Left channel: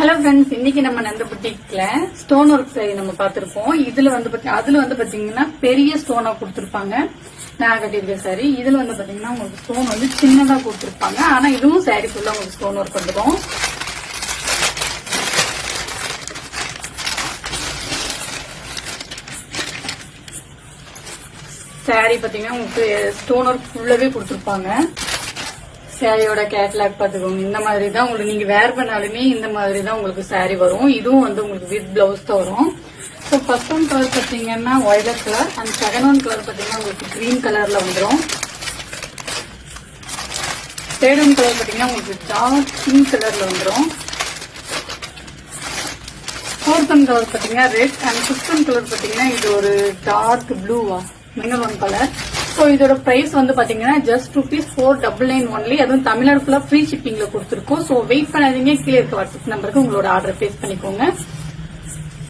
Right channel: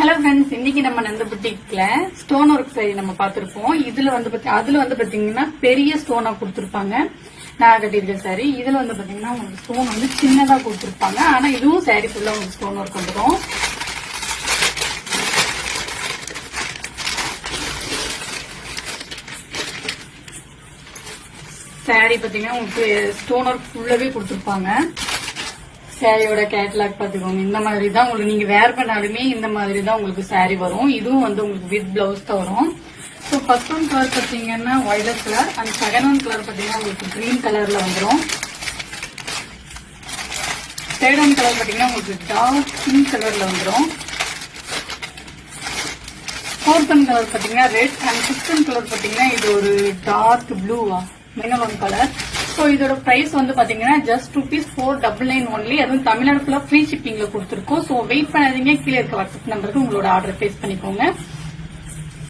Hello friends, இன்னைக்கு நம்ம நந்த புட்டிக்ல stone work sorry நம்ம பார்த்திருப்போம். அதுல வந்து பாத்தீங்கன்னா பெரிய ஸ்டோனா கொடுத்திருப்பாங்க. நான் கட்டியிருக்க சாரி இதுல வந்து பாத்தீங்கன்னா உங்களுக்கு ஸ்டோன் வந்து சின்னதா கொடுத்திருப்பாங்க. ஆனா இதுவும் சாரி ஃபுல்லா உங்களுக்கு ஸ்டோன் ஒர்க் வந்துடும். சாரி பாத்தீங்கன்னா உங்களுக்கு ஸ்டோன் ஒர்க் ஃபுல்லாவே கொடுத்திருப்பாங்க. சாரியோட கேட்லாக் பாத்துக்கோங்க. இந்த மாதிரி தான் உங்களுக்கு நீங்க வேர் பண்ணாலுமே இந்த மாதிரி தான் உங்களுக்கு சாரி வரும். இதுவும் வந்து உங்களுக்கு வித் பிளவுஸ் தான் வரும். ஸோ ஃபர்ஸ்ட் ஒன் கலர் பாத்தீங்கன்னா violet colour and second one colour பாத்தீங்கன்னா உங்களுக்கு கிரீன் கலர்ல வந்துடும். தேர்ட் ஒன் கலர் பாத்தீங்கன்னா உங்களுக்கு டார்க் பிங்க் கலர்ல வந்துடும். ஃபோர்த் ஒன் கலர் பாத்தீங்கன்னா red and fifth one colour பாத்தீங்கன்னா இது ஒரு டார்க் ப்ளூவா மெனல் கலர். ஸோ இதோட பிரைஸ் வந்து பாத்தீங்கன்னா ஜஸ்ட் ₹499 ஒன்லி. அதுவும் தமிழ்நாடு ஃபுல்லா ஃப்ரீ ஷிப்பிங்ல கொடுத்துருக்கோம். ஸோ வெயிட் பண்ணாதீங்க, கீழே இருக்க வாட்ஸ்அப் நம்பருக்கு உங்களோட ஆர்டர் பிளேஸ் பண்ணிக்கோங்க.